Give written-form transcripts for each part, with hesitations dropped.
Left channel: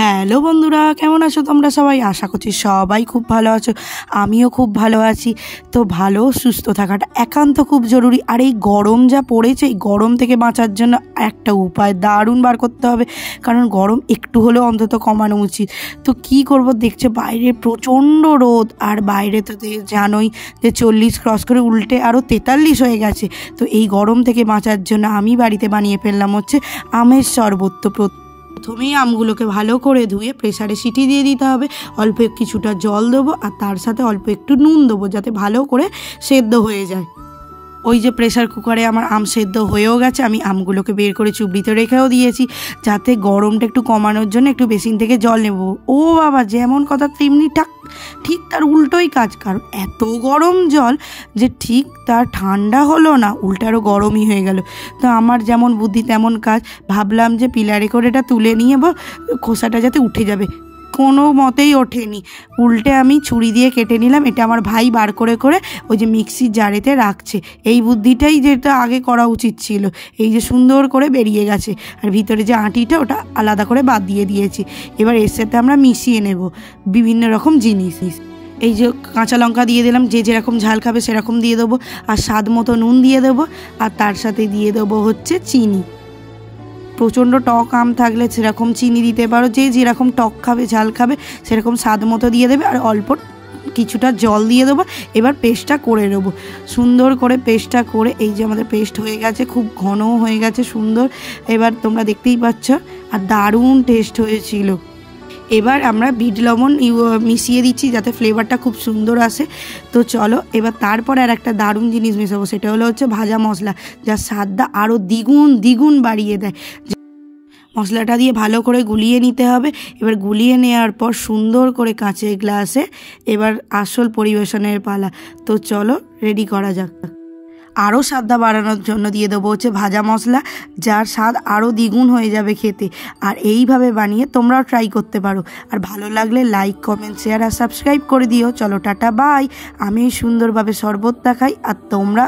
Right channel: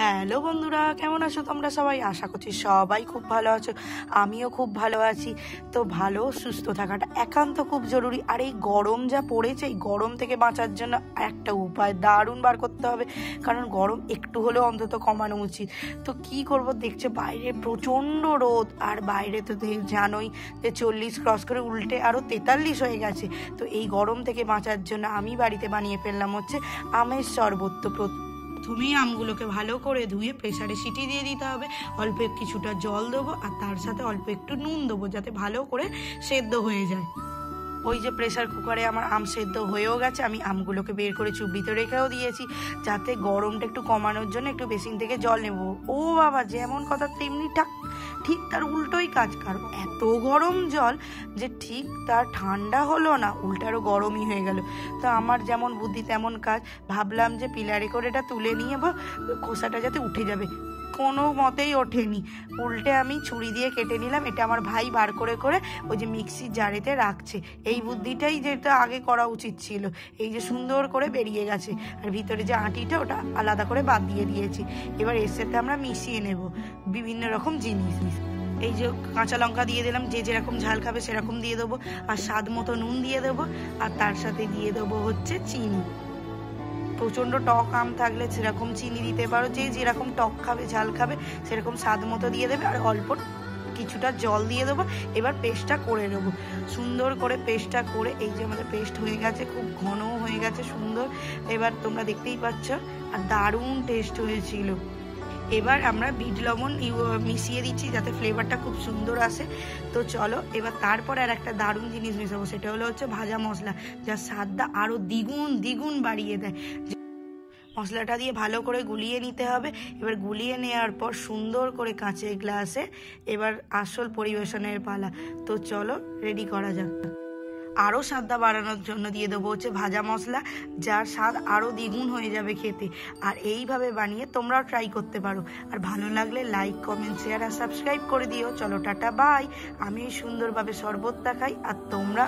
Hello বন্ধুরা, কেমন আছো তোমরা সবাই? আশা করছি সবাই খুব ভালো আছো। আমিও খুব ভালো আছি। তো ভালো সুস্থ থাকাটা একান্ত খুব জরুরি। আর এই গরম যা পড়েছে, এই গরম থেকে বাঁচার জন্য একটা উপায় দারুণ বার করতে হবে, কারণ গরম একটু হলেও অন্তত কমানো উচিত। তো কি করব, দেখছো বাইরে প্রচণ্ড রোদ, আর বাইরে তো জানোই যে 40 ক্রস করে উল্টে আরও 43 হয়ে গেছে। তো এই গরম থেকে বাঁচার জন্য আমি বাড়িতে বানিয়ে ফেললাম হচ্ছে আমের শরবত। তো প্রথমেই আমগুলোকে ভালো করে ধুয়ে প্রেসারে সিটি দিয়ে দিতে হবে। অল্প কিছুটা জল দেবো, আর তার সাথে অল্প একটু নুন দেবো, যাতে ভালো করে সেদ্ধ হয়ে যায়। ওই যে প্রেসার কুকারে আমার আম সেদ্ধ হয়েও গেছে, আমি আমগুলোকে বের করে চুবড়িতে রেখেও দিয়েছি, যাতে গরমটা একটু কমানোর জন্য একটু বেসিন থেকে জল নেব। ও বাবা, যেমন কথা তেমনি ঠিক তার উল্টোই কাজ। কারণ এত গরম জল যে ঠিক তার ঠান্ডা হলো না, উল্টারও গরমই হয়ে গেল। তো আমার যেমন বুদ্ধি তেমন কাজ, ভাবলাম যে পিলারে করে এটা তুলে নিয়ে বা খোসাটা যাতে উঠে যাবে, কোনো মতেই ওঠেনি। উল্টে আমি ছুরি দিয়ে কেটে নিলাম। এটা আমার ভাই বার করে করে ওই যে মিক্সির জারেতে রাখছে। এই বুদ্ধিটাই যেটা আগে করা উচিত ছিল। এই যে সুন্দর করে বেরিয়ে গেছে, আর ভিতরে যে আঁটিটা ওটা আলাদা করে বাদ দিয়ে দিয়েছি। এবার এর সাথে আমরা মিশিয়ে নেব বিভিন্ন রকম জিনিস। এই যে কাঁচা লঙ্কা দিয়ে দিলাম, যে যেরকম ঝাল খাবে সেরকম দিয়ে দেবো, আর স্বাদ মতো নুন দিয়ে দেবো, আর তার সাথে দিয়ে দেবো হচ্ছে চিনি। প্রচণ্ড টক আম থাকলে সেরকম চিনি দিতে পারো, যে যেরকম টক খাবে ঝাল খাবে সেরকম স্বাদ মতো দিয়ে দেবে, আর অল্প কিছুটা জল দিয়ে দেবো। এবার পেস্টটা করে নেবো সুন্দর করে। পেস্টটা করে এই যে আমাদের পেস্ট হয়ে গেছে, খুব ঘনও হয়ে গেছে সুন্দর। এবার তোমরা দেখতেই পাচ্ছ, আর দারুণ টেস্ট হয়েছিল। এবার আমরা বিট লবণ মিশিয়ে দিচ্ছি, যাতে ফ্লেভারটা খুব সুন্দর আসে। তো চলো, এবার তারপর আর একটা দারুণ জিনিস মেশাবো, সেটা হলো হচ্ছে ভাজা মশলা, যার স্বাদটা আরও দ্বিগুণ বাড়িয়ে দেয়। মশলাটা দিয়ে ভালো করে গুলিয়ে নিতে হবে। এবার গুলিয়ে নেওয়ার পর সুন্দর করে কাঁচের গ্লাসে এবার আসল পরিবেশনের পালা। তো চলো রেডি করা যাক। আরও স্বাদটা বাড়ানোর জন্য দিয়ে দেবো হচ্ছে ভাজা মশলা, যার স্বাদ আরও দ্বিগুণ হয়ে যাবে খেতে। আর এইভাবে বানিয়ে তোমরাও ট্রাই করতে পারো। আর ভালো লাগলে লাইক, কমেন্ট, শেয়ার আর সাবস্ক্রাইব করে দিও। চলো টাটা, বাই। আমি সুন্দরভাবে শরবত দেখাই, আর তোমরা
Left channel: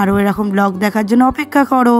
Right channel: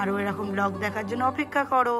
আরও এরকম ব্লগ দেখার জন্য অপেক্ষা করো।